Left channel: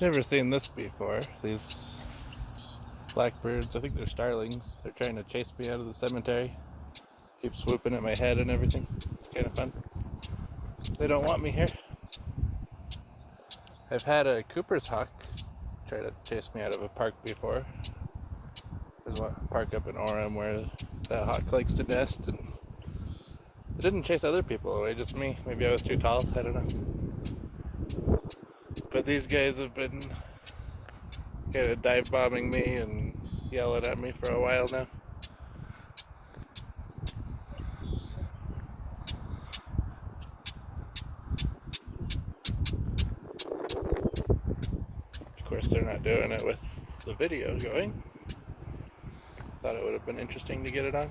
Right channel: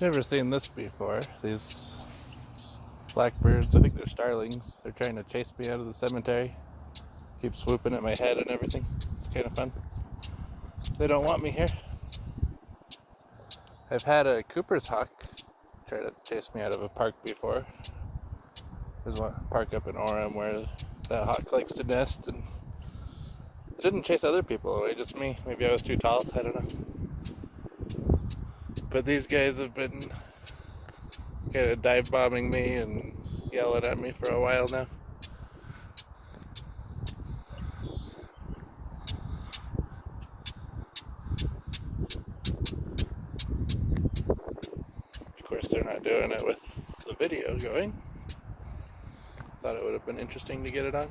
Never seen this before. These blackbirds, I think they're starlings. They're trying to chase me out of the cemetery. Keep swooping at my head and everything. It's kind of fun. They don't want me here. I've had a Cooper's hawk try to chase me out of a park before. There's a park up in Orem where that hawk likes to nest, and it didn't chase other people away, just me. Maybe I was too tall, I don't know. But these guys have been kind of dive bombing me and yelling at me for a while now. Of course, they're not doing it with the video going. Thought it would have been interesting to get it on.